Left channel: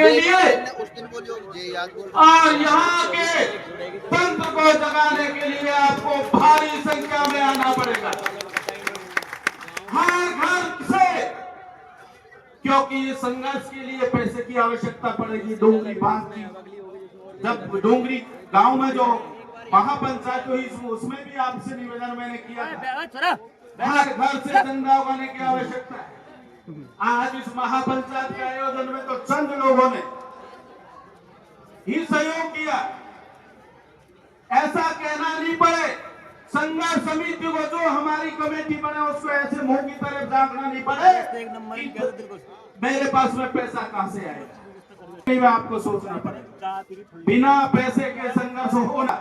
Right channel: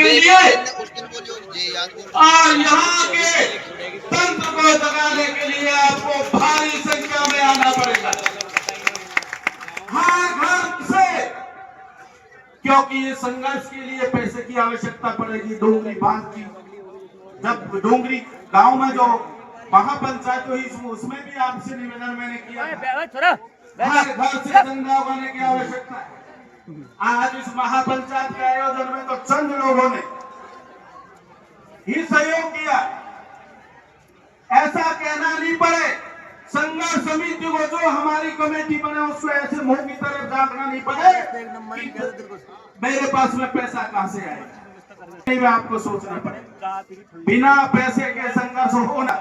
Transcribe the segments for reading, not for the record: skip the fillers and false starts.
के लिए और यहाँ के तंत्र को जगाने के लिए आपको भारी संख्या में आना पड़ेगा, हर घर से, क्योंकि ये संघर्ष के लिए पैसे की आवश्यकता पड़ेगी। डोंगरी बांध की जब डोंगरी गांव में जो महापंचायत हुई उसमें भी आपसे निवेदन मैंने किया था, हर घर से चंदा होने की आवश्यकता है। आज इस महापंचायत के आयोजन में तो चंद लोगों ने ही सहयोग किया, ऐसा कहना नहीं पड़े। संघर्ष समिति को जो हमारी कमेटी बने उसको ऐसे मुंह की तरफ झांकना नहीं पड़े मेरे पास में पैसा कहां से आएगा। आपको सोचना पड़ेगा, बिना पैसे के संघर्ष होना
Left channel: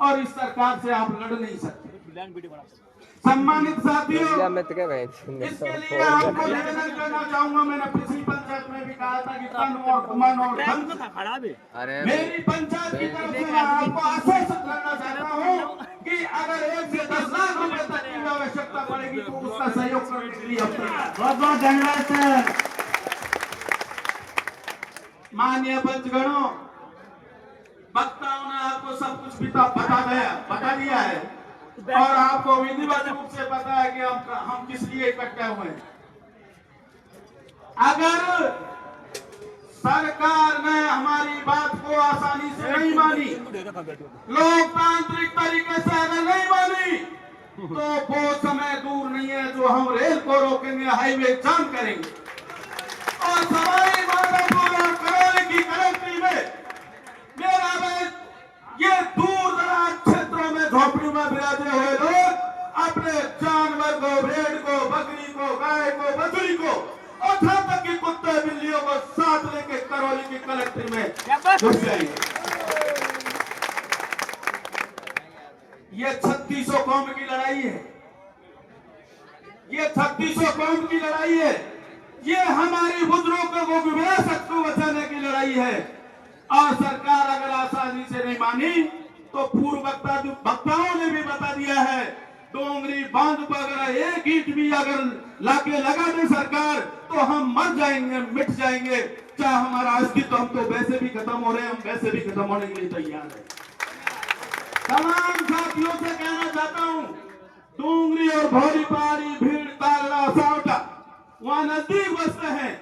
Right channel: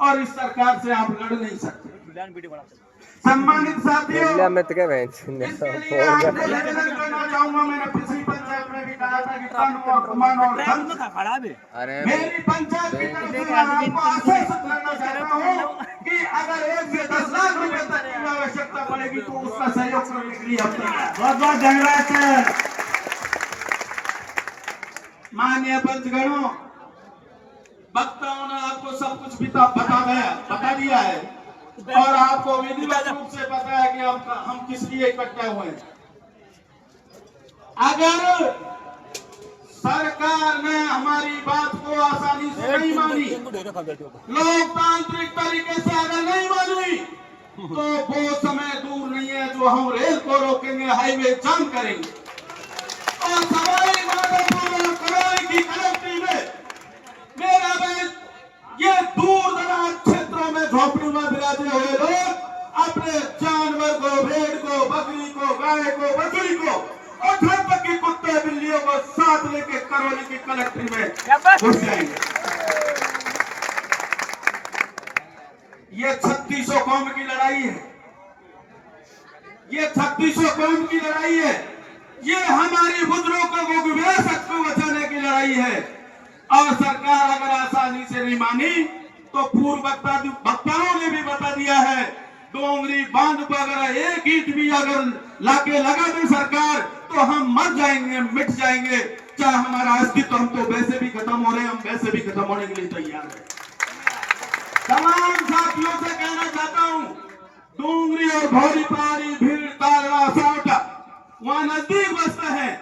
और इस सरकार से आप लड़ नहीं सकते। सम्मानित साथियों, इसके लिए आपको निवेदन करना चाहूंगा, मैंने पिछली पंचायत में भी कहा था कि तन और मन और धन मेरी पंचायत की तरफ से आपको आश्वासन करना चाहता हूँ कि अगर 1 से 10 लाख रुपए तक की आवश्यकता पड़ेगी तो उसका सहयोग करने के लिए बहुत बहुत धन्यवाद। माननीय पंचगणों, वक्ताओं ने आपको सब कुछ बता दिया है और आपको विधिवत रूप से पता है कि हम किस लिए इकट्ठा हुए हैं। अगर सरकार ने हमारी बात को आसानी से नहीं मानी, लोकतांत्रिक तरीके से अगर नहीं मानी, तो वो समय दूर नहीं है जो हम रेल को रोकेंगे, हाईवे जाम करेंगे और सवाई माधोपुर और करौली की कलेक्ट्री में मेरा ये दूर दराज क्षेत्रों में झोपड़ी में बिराजे हुए लोग अपने जानवर को, भेड़ को, बकरी को, गाय को, बकरी को और घर तक की कुत्ते बिल्लियों को साथ लेके करौली की कलेक्ट्री में घुस जाएंगे। ये 3600 कौम की लड़ाई है, ये 3600 कौम की लड़ाई है, ये हमारी बुजुर्गों को विरासत को बचाने की लड़ाई है। और सरकार अगर आसानी से नहीं मानी तो पूर्व वक्ताओं ने भी बता दिया है, डोंगरी बांध पर अगर एक ईंट भी अगर लाके लगा दे सरकार तो हम मर जाएंगे, मिट जाएंगे, चाहे हमारा अस्तित्व, हम तो वैसे भी खत्म हो रहे हैं, हम वैसे भी खत्म होने के लिए तैयार है। तमाम साथियों से कहना चाहता हूँ, डोंगरी और भौरी पहाड़ी, भीड़, तालड़ा, सावटा वहां नजदीक बसते हैं।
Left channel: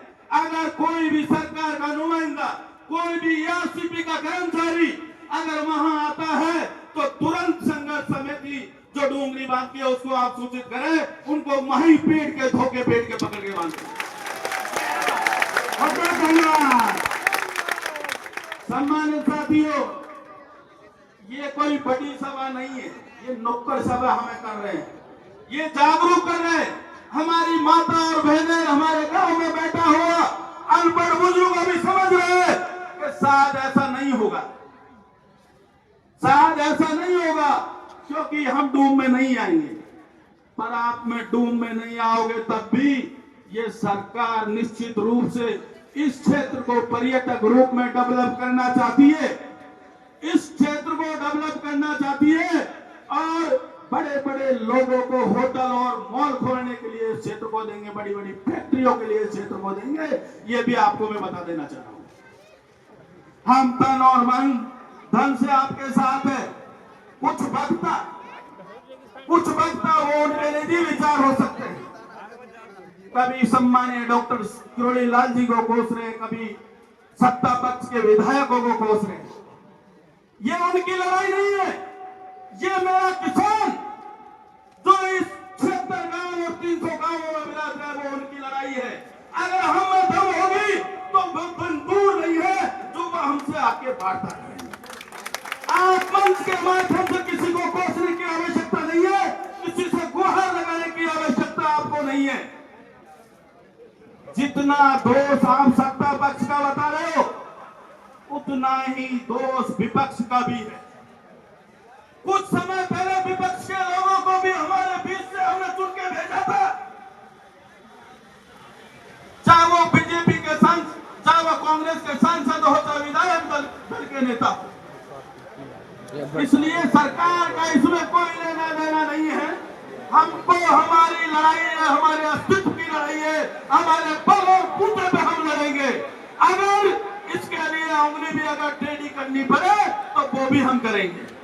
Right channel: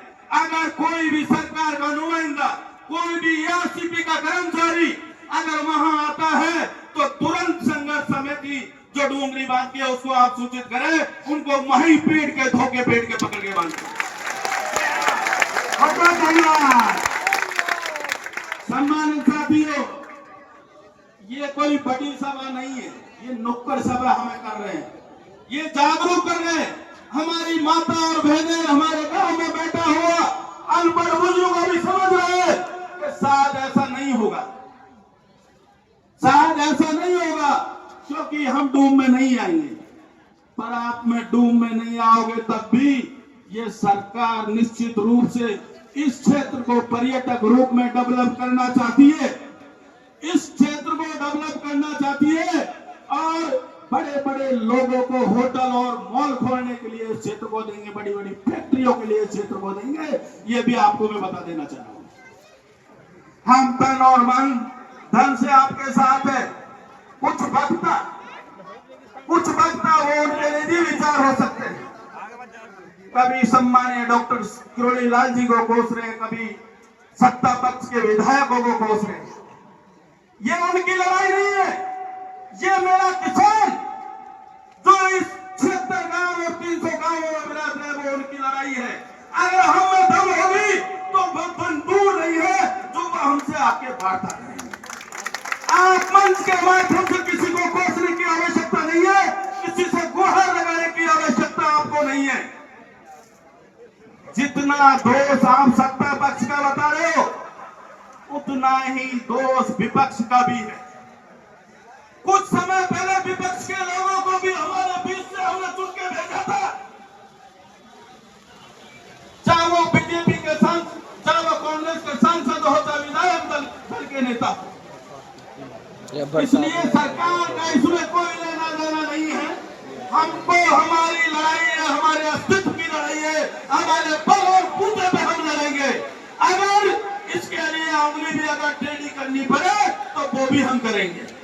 अगर कोई भी सरकार का नुमाइंदा, कोई भी एआरसीपी का कर्मचारी अगर वहां आता है तो तुरंत संघर्ष समिति जो डोंगरी बांधती है उसको आप सूचित करें, उनको वहीं पीट के धोखे पेट के पकड़ के बांधते। धन्यवाद। सम्मानित साथियों, ये कोई बड़ी सभा नहीं है, ये नुक्कड़ सभा हमें कर रहे हैं, ये जागरूक कर रहे हैं। हमारी माता और बहनें हमारे गांव में बैठा हुआ अनपढ़ बुजुर्ग को भी समझ रहे हैं कि शायद ऐसा नहीं होगा, शायद ऐसा नहीं होगा, क्योंकि हम डूब में नहीं आएंगे। पर आप में डूब में नहीं आओगे तब भी ये सरकार निश्चित रूप से इस क्षेत्र को पर्यटक रूप में डेवलप करना चाहती है, इस क्षेत्र को डेवलप करना चाहती है और बड़े बड़े लोगों को होटल और मॉल खोलने के लिए इस क्षेत्र को देंगे, बड़ी बड़ी फैक्ट्रियों के लिए इस क्षेत्र को देंगे। ये भी आपको मैं बता देना चाहता हूं। हम तन और मन धन से आपके साथ है। कुछ वक्ता वो उनके निजी विचार हो सकते हैं, कभी सम्मानीय डॉक्टर किरोड़ी लाल जी को कोस रहे, कभी सत्ता पक्ष के विधायकों को कोस रहे। ये उनकी लड़ाई नहीं है, ये मेरा किसान जो इस 76 गांव और 300 गांवों में विराज है वो उनकी लड़ाई है। अगर हम में दम होगी तो बंधन दूर नहीं है जो वो हमसे आके बांटता है। आप मंच के माध्यम से किसी को कोसने की आवश्यकता नहीं है, किसी से गुहार लगाने की आवश्यकता आपको नहीं है। जितना दोष आप सत्ता पक्ष का बता रहे हो उतना ही दोष विपक्ष का भी है। कुछ समय पहले विपक्ष के लोगों को भी हमारे बीच से हमने चुन के भेजा था, चाहे वो बीजेपी के सांसद, चाहे वो कांग्रेस के सांसद हो, चाहे विधायक दल के नेता हो। इसलिए सरकार का इसमें कोई लेना देना नहीं है। हमको हमारी लड़ाई है, हमारे अस्तित्व की लड़ाई है, हमारे बल और बूते पे हम लड़ेंगे। अगर इस उंगली भी अगर टेढ़ी करनी पड़े तो वो भी हम करेंगे।